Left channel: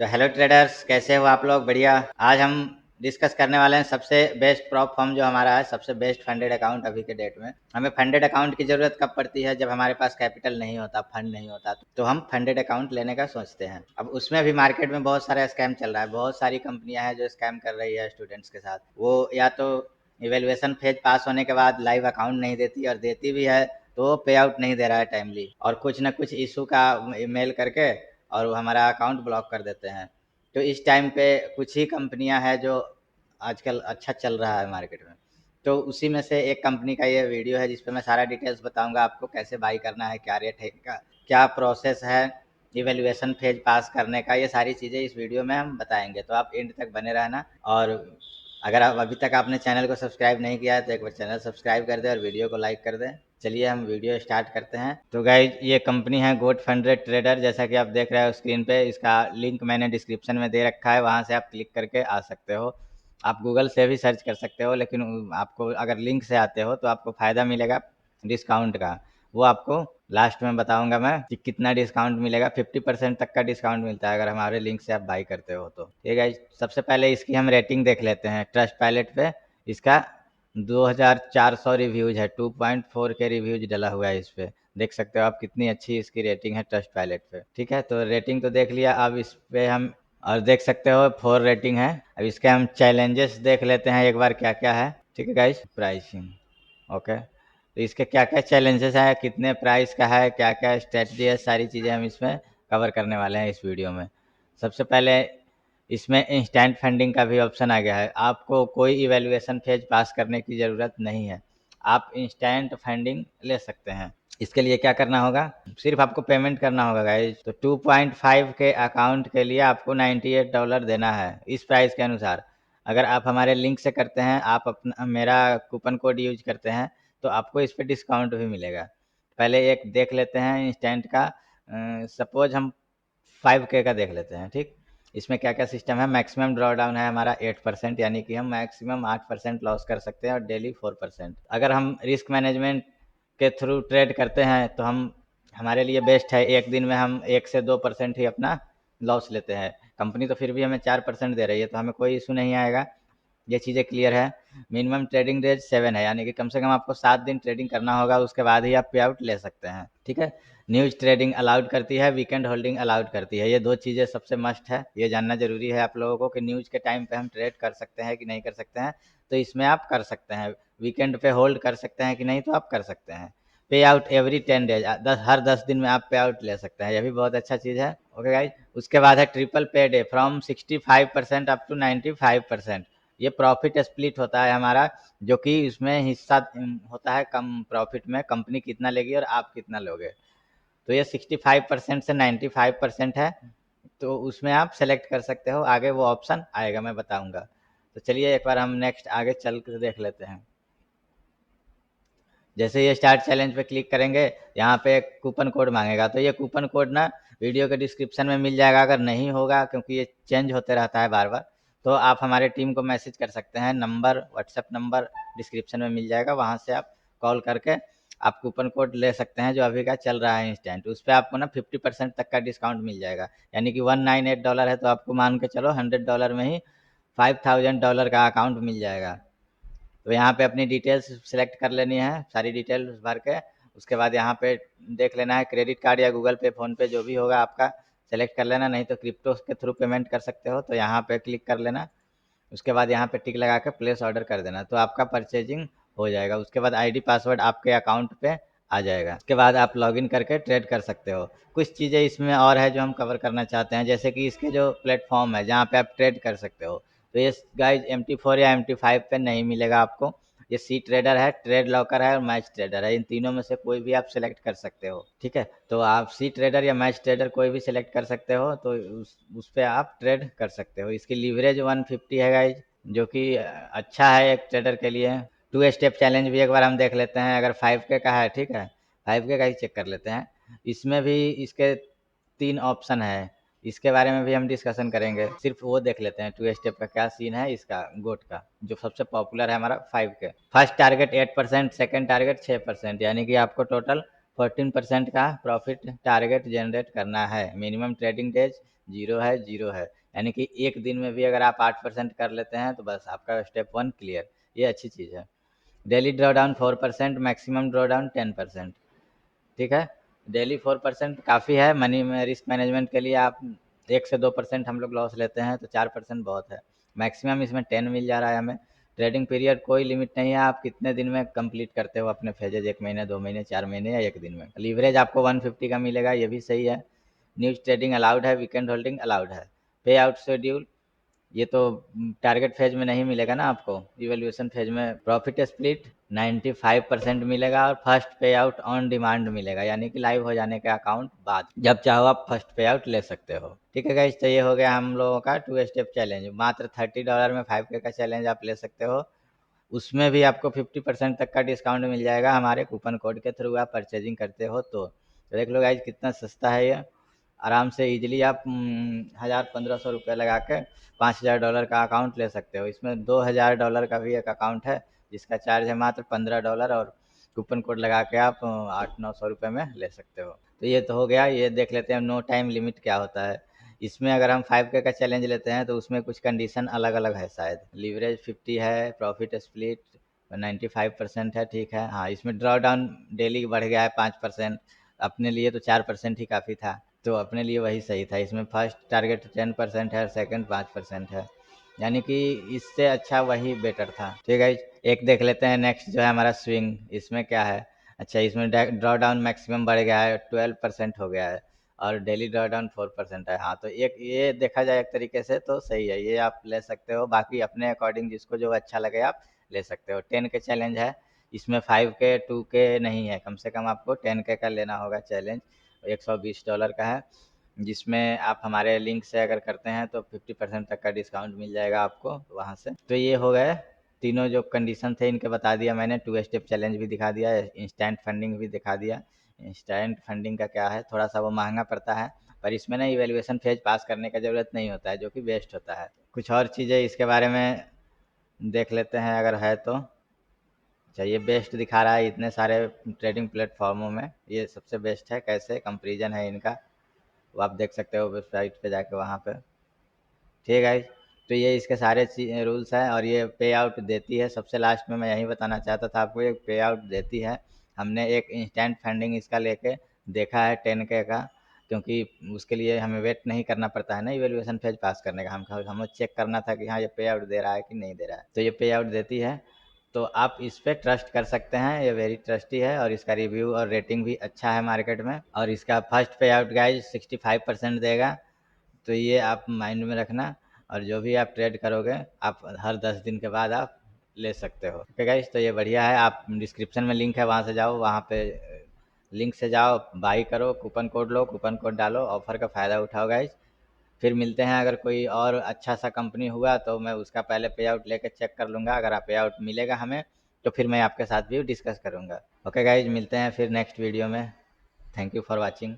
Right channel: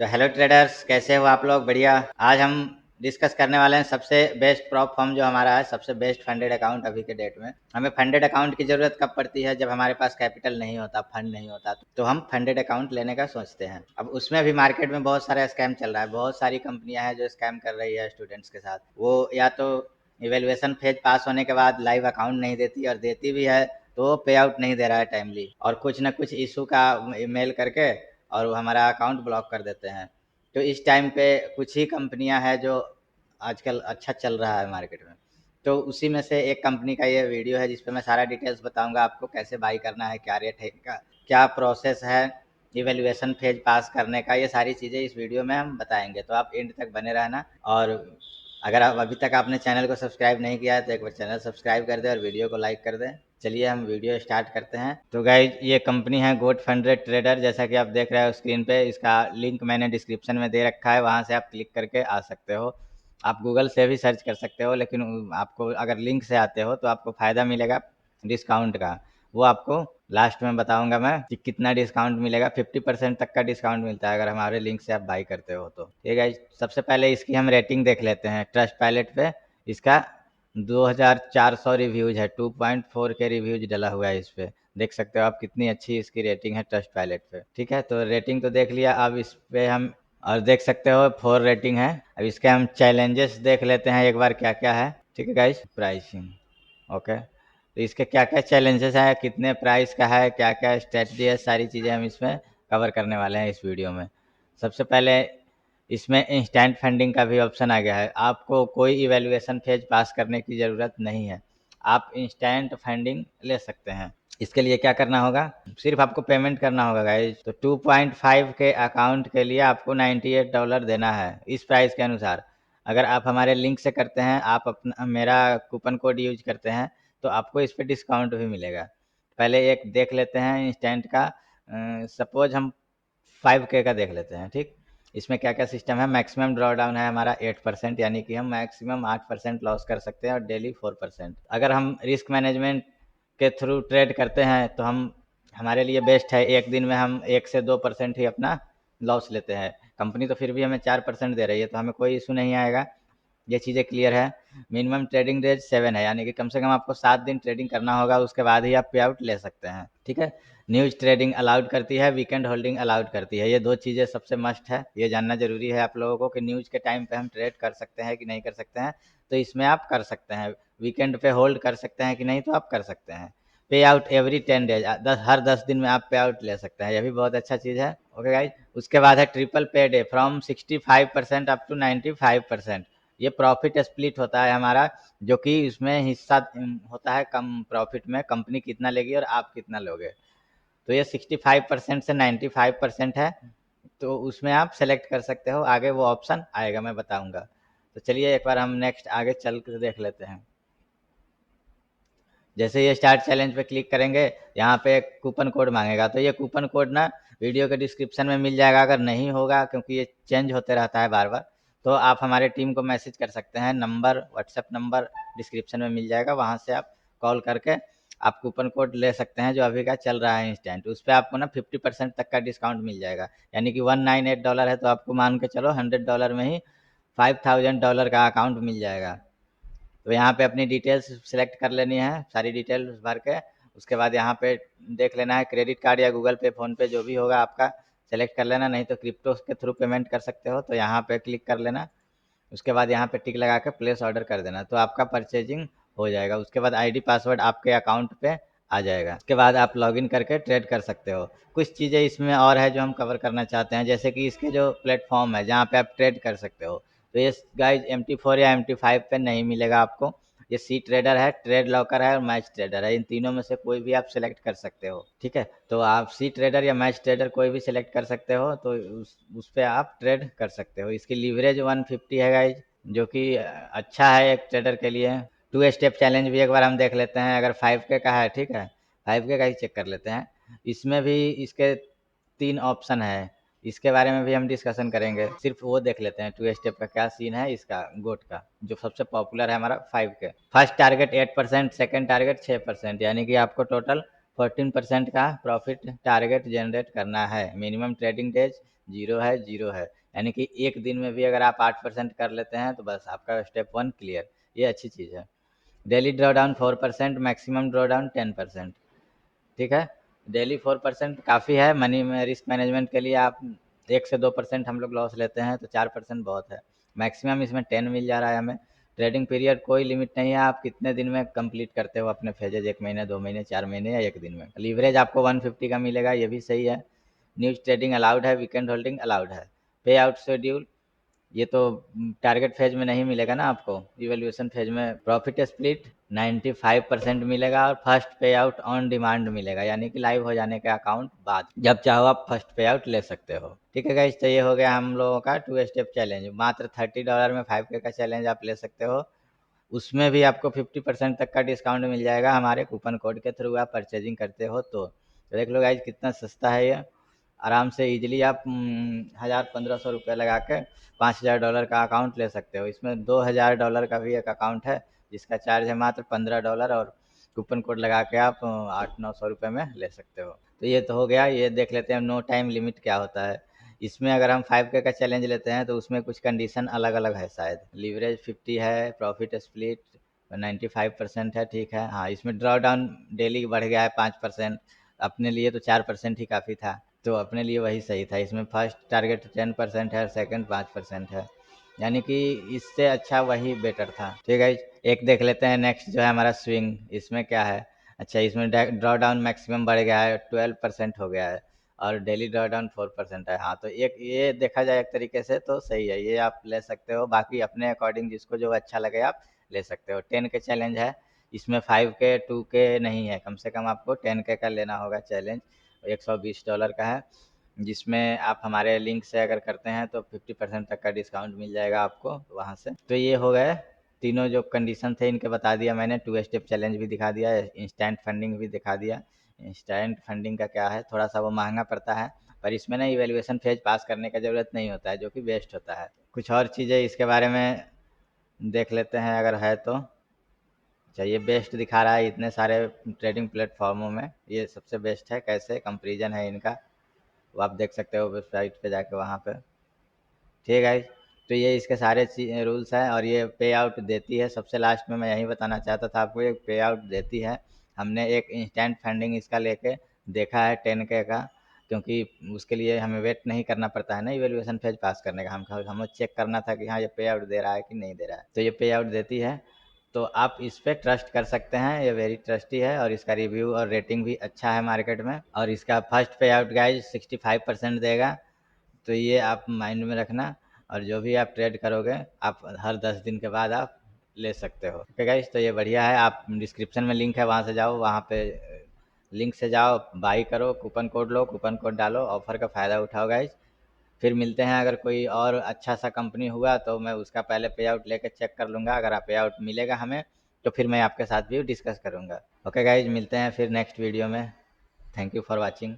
Hello traders, कैसे हो आप लोग? बढ़िया। आज हम डिस्कस करने वाले हैं सबसे बेस्ट प्रॉप फॉर्म जो हमारा है, सबसे बेस्ट फंडेड अकाउंट अभी के डेट में। हमें फंडेड अकाउंट की ज़रूरत कब पड़ती है? जब हमारे पास कैपिटल नहीं होता, फंड नहीं होता, तो हम फंडेड अकाउंट लेने का सोचते हैं। अब उसमें भी मार्केट में बहुत सारा स्कैम चल रहा है, बहुत सारी कंपनियां हैं जो स्कैम कर रही है स्टूडेंट्स के साथ। वो या तो इवेल्युएशन फेज पास होने के बाद लाइव अकाउंट नहीं देती, और देती भी है तो पे आउट नहीं दे रहा है टाइमली, और कुछ ना कुछ इशू का मेल करके और वो हमारा अकाउंट ब्लॉक कर देते हैं। तो इस टाइम पे कुछ ही कंपनियां हैं जो आजकल अच्छा चल रहा है मार्केट में। तो उसी में से एक कंपनी का ये वीडियो है जिस पे मैं सारा डिटेल्स बताऊंगा आपको, कैसे बाई करना है, क्या रेट है इनका, क्या प्रोसेस है इवेल्युएशन फेज पास करने का। ये सारी चीज़ें इस वीडियो में हम बताएंगे, तो आप एंड तक बने रहना। और अगर आप अभी तक आपने चैनल को सब्सक्राइब नहीं किया है तो एक बार चैनल सब्सक्राइब कर दें और वीडियो को लाइक कर दें। चलिए हम वीडियो स्टार्ट करते हैं। तो गाइज, ये कंपनी है गोट फंडेड ट्रेडर, जैसा कि आप देख रहे हो स्क्रीन पे। इसका लिंक मैंने डिस्क्रिप्शन में दे रखा है, वहाँ से आप क्लिक करके आ सकते हो। आप गूगल से भी सर्च कर सकते हो, लेकिन आपको अगर लिंक से आते हो तो आपको फ़ायदा मिलेगा डिस्काउंट का। वो आपको लास्ट में बताऊंगा मैं कि कितना डिस्काउंट मिलेगा। 50% तक का डिस्काउंट मिलता है अगर हमारे लिंक से आप बाई करते हो तो। ठीक है, सबसे पहले इसकी हम रेटिंग देख लेते हैं। ट्रस्ट पायलट पे इसका 2400 रिव्यूज है, 2.4 के रिव्यूज डला हुआ है इस पे। देख सकते हो आप कितनी अच्छी इसकी रेटिंग है ट्रस्ट पायलट पे। ठीक है, तो रेटिंग तो देख लिया। अब इस पे हम और देख सकते हो 4 रेटिंग है। अब इसके हम चैलेंजेस देख लेते हैं एक बार क्या क्या है। ठीक है गाइस, प्राइसिंग ओके। तो इसके क्या क्या चैलेंजेस हैं, कितने प्राइस का है, क्या क्या स्ट्रेटजी है, सारी चीज़ें हम इसमें कवर करने वाले हैं इस वीडियो में। सबसे पहले इसमें इंस्टेंट फंडिंग का भी ऑप्शन आ गया है। आपको कोई इवैल्यूएशन फेज पास करने की ज़रूरत नहीं है, आप इंस्टेंट फंडिंग ले सकते हैं। इसके लिए क्या करना होगा? सिर्फ आपको पेमेंट करना होगा गाइज। तो 2.5 के अकाउंट के लिए आपको $98 देना है इस प्राइस के अनुसार। अगर आप हमारे लिंक से करते हैं, आप अपना मेरा कूपन कोड यूज करते हैं, तो आपको इस पर डिस्काउंट भी मिलेगा। पहले एक देख लेते हैं इंस्टेंट का। सपोज हम 5K का देख लेते हैं। ठीक, इसमें क्या क्या सिस्टम है? मैक्सिमम ड्रॉ डाउन है हमारा 8%, यानी कि हम मैक्सिमम 8% लॉस कर सकते हैं, और डेली 4%। अगर हम रिस्क मैनेजमेंट के थ्रू ट्रेड करते हैं तो हम हमारे लिए बेस्ट है। एक दिन में हम 1 से 2% ही अपना लॉस लेते हैं। कंपनी तो फिर भी हमें 4% दे रही है, तो हमें कोई इशू नहीं आएगा। ये चीज़ें क्लियर है। मिनिमम ट्रेडिंग डेज 7 है, यानी कि कम से कम आपको 7 दिन ट्रेडिंग करना होगा, उसके बाद ही आप पे आउट ले सकते हैं। ठीक है, न्यूज ट्रेडिंग अलाउड करती है, वीकेंड होल्डिंग अलाउड करती है। ये दो चीज़ें सबसे मस्ट है, ये जानना जरूरी है आप लोगों को कि न्यूज के टाइम पे हम ट्रेड कर सकते हैं कि नहीं कर सकते हैं। तो इसमें आप कर सकते हैं। वीकेंड पे होल्ड कर सकते हैं कि नहीं, तो आप कर सकते हैं। पे आउट एवरी 10 डेज, हर 10 दिन में आप पे आउट ले सकते हैं, यह भी बहुत अच्छा चीज़ है। ओके गाइज, उसके बाद है ट्रिपल पे डे फ्रॉम 65% अप टू 95%। ये प्रॉफिट स्प्लिट होता है हमारा, जो कि इसमें हिस्सा होता है कम प्रॉफिट में, कंपनी कितना लेगी और आप कितना लोगे। तो ये 65% से 95% है, तो उसमें आप सेलेक्ट कर सकते हो। आगे वो ऑप्शन आएगा, मैं बताऊंगा। तो चलिए एक बार हम नेक्स्ट आगे चल कर देख लेते हैं। जैसे ये स्टार्ट चैलेंज पे क्लिक करेंगे, यहाँ पे कूपन कोड मांगेगा, तो ये कूपन कोड ना वीडियो के डिस्क्रिप्शन में मिल जाएगा। अगर नहीं होगा, क्योंकि ये चेंज होते रहता है बार बार, तो आप हमारे टीम को मैसेज कर सकते हैं। नंबर, व्हाट्सएप नंबर डिस्क्रिप्शन में मिल जाएगा, वहाँ से आप कॉल करके आप कूपन कोड ले सकते हैं जो अभी का चल रहा है इंस्टेंट। उस पर आपको ना 50% तक का डिस्काउंट मिल जाएगा, यानी कि $198 है, तो आपको मान के चलो $100 में ही $5000 का अकाउंट मिल जाएगा। तो यहाँ पे अपनी डिटेल्स सेलेक्ट कर लेनी है, सारी डिटेल्स भर के। उसके बाद यहाँ पे देख लेना है क्रेडिट कार्ड या गूगल पे, फ़ोन पे, जो भी होगा आपका सेलेक्ट कर लेना। नहीं तो क्रिप्टो के थ्रू पेमेंट कर सकते हो, तो यहाँ पे क्लिक कर लेना। उसके बाद यहाँ पे टिक लगा के प्लेस ऑर्डर कर देना, तो आपका परचेजिंग हो जाएगा। उसके बाद आईडी पासवर्ड आपके अकाउंट पे आ जाएगा। उसके बाद आप लॉगिन करके ट्रेड कर सकते हो। कुछ चीज़ें इसमें और है जो हम कवर करना चाहते हैं, जैसे कि इसके जो प्लेटफॉर्म है जहाँ पे आप ट्रेड कर सकते हो। तो ये गाइज MT4 या MT5 पे नहीं मिलेगा आपको। ये सी ट्रेडर है, ट्रेड लॉकर है और मैच ट्रेडर है। इन तीनों में से कोई भी आप सिलेक्ट कर सकते हो। ठीक है, तो आप सी ट्रेडर या मैच ट्रेडर कोई भी सिलेक्ट कर सकते हो, तो उस पे आप ट्रेड कर सकते हो। इसकी लीवरेज 150 है गाइज, जो कि अच्छा है एक ट्रेडर के लिए। 2 स्टेप चैलेंज भी एक बार हम देख लेते हैं, अगर 5K का है। ठीक है, 5K का ही चेक कर लेते हैं। इसमें भी इसके 3 ऑप्शन है, इसके बारे में भी हम डिस्कशन करेंगे। सिर्फ वो देख लेते हैं 2 स्टेप का क्या सीन है इसका, गोट का, जो सबसे पॉपुलर है हमारा 5K। First target 8%, second target 6%, यानी कि आपको टोटल 14% का प्रॉफिट टारगेट जनरेट करना है। मिनिमम ट्रेडिंग डेज 0 है। यानी कि एक दिन में भी अगर आप 8% कर लेते हैं तो बस आपका स्टेप 1 क्लियर। ये अच्छी चीज़ है। Daily drawdown 4%, maximum drawdown 10%। ठीक है, डेली 4% काफ़ी है। मनी में रिस्क मैनेजमेंट के लिए आप 1 से 2% हम लोग लॉस लेते हैं तो 4% बहुत है। मैक्सिमम इसमें 10 मिल जा रहा है हमें। ट्रेडिंग पीरियड कोई लिमिट नहीं है, आप कितने दिन में कंप्लीट करते हो अपने फेजेज, 1 महीने, 2 महीने, 4 महीने या 1 दिन में। लीवरेज आपको 150 का मिलेगा, ये भी सही है। न्यूज ट्रेडिंग अलाउड है, वीकेंड होल्डिंग अलाउड है। पे आउट शेड्यूल ये तो टारगेट फेज में नहीं मिलेगा ना आपको, इवैल्यूएशन फेज में। प्रॉफिट स्प्लिट 95% मिलेगा और फर्स्ट पे आउट ऑन डिमांड मिलेगा, यानी कि लाइव हो जाने के अकाउंट बाद जब चाहो आप फर्स्ट पे आउट ले सकते हो। ठीक है गाइस, तो ये हो गया हम लोगों का 2 स्टेप चैलेंज। मात्र $30 में 5K का चैलेंज आप ले सकते हो। उसमें भी आपको 50% तक का डिस्काउंट मिल जाएगा हमारे कूपन कोड के थ्रू आप परचेजिंग करते हो तो देख लो गाइज कितना सस्ता है ये। आराम से इजीली आप 1000-1500 रुपये लगा के $5000 का अकाउंट ले सकते हो। इसमें $2000 का भी एक अकाउंट है जिसका चार्ज है मात्र $15 और कूपन कोड लगा के आप 800-900 रुपये में ले सकते हो। तो ये तो हो गया। ये देख लेते हैं नो टाइम लिमिट क्या होता है। इसमें अगर हम 5K का चैलेंज लेते हैं तो उसमें कुछ कंडीशन अलग अलग है शायद। लीवरेज 50 है, प्रॉफिट स्प्लिट 95% है। ठीक है, हाँ इसमें ड्रॉ डाउन डेली बढ़ गया है 5%। अपने लिए तो 4% ही काफ़ी था, तो अपने लिए वही सही था। इसमें फर्स्ट टारगेट 10% है और सेकंड 5% है, यानी कि इससे अच्छा वही बेटर था। ठीक है, एक देख लेते हैं नेक्स्ट जो है हमारा स्विंग। इसमें क्या है, अच्छा इसमें ड्रॉ डाउन मैक्सिमम बढ़ गया है, 12% हो गया है और डेली ड्रॉ डाउन 4% है। हाँ तो एक ये देखा जाए एक तरीके से तो सही है, ये आप ले सकते हो। बाकी अपने अकॉर्डिंग जिसको जो अच्छा लगे आप ले सकते हो। 10 के चैलेंज है, इसमें 5K 2K नहीं है, कम से कम आपको 10K का लेना होगा चैलेंज। $120 का है, जिसमें आप हमारे लिंक से अगर करते हैं तो 50% तक का डिस्काउंट मिल जाएगा आपको वहाँ से। तो ये हो गए तीनों जो कंडीशन थे इनके बता दिया मैंने। 2 स्टेप चैलेंज भी दिखा दिया, इंस्टेंट फंडिंग भी दिखा दिया। इंस्टेंट फंडिंग का क्या है, थोड़ा सा वो महंगा पड़ता है, पर इसमें ना इवेल्युएशन फेज पास करने का ज़रूरत नहीं होता है, जो कि बेस्ट होता है। कुछ और चीज़ें इसके बारे में देख लेते हैं अगर है तो। अच्छा ये बेस्ट दिखा रहा है इतने सारे ट्रेडिंग प्लेटफॉर्मों में, ये सबसे बेस्ट है। कैसे कंपेरिजन है इनका वो आप देख सकते हो वेबसाइट पे जाके वहाँ पे। ठीक है, तो ये इसके सारे रूल्स हैं और ये पे आउट देती है। सबसे लास्ट में मैं यही बताना चाहता था आपको, ये पे आउट देती है। हमने एक इंस्टेंट फंडिंग इसका लेके देखा है 10K का, क्योंकि उसके लिए हमें वेट नहीं करना पड़ता है ना इवेल्युएशन फेज पास करने का। हमें चेक करना था कि हाँ ये पे आउट दे रहा है कि नहीं दे रहा है, तो ये पे आउट देती है। तो आप इस पे ट्रस्ट कर सकते हैं, ये वेरी ट्रस्टी है और इसका रिव्यू और रेटिंग भी अच्छा है मार्केट में। और इसका फर्स्ट पे आउट गाइज 65% देगा, तो ये आप माइंड में रखना। और जो भी आप ट्रेड करोगे आप हर 10 दिन के बाद आप ले सकते हो। ठीक है गाइस, तो ये बढ़िया है। आप डिस्क्रिप्शन में लिंक है, वहाँ से जाओ, वहाँ पे लिंक से जाओ, बाई करो, कूपन कोड लो, कूपन कोड डालो, ऑफर का फ़ायदा उठाओ गाइस। फिर मिलते हैं। अगर कोई और अच्छा सा कंपनी हुआ तो मैं उसका पहले पे आउट लेके चेक कर लूँगा। अगर आप पे आउट मिलेगा हमें तो फिर मैं आपके साथ भी डिस्कस करूँगा। ओके गाइज, मिलते हैं फिर नेक्स्ट वीडियो में। Thank you for watching.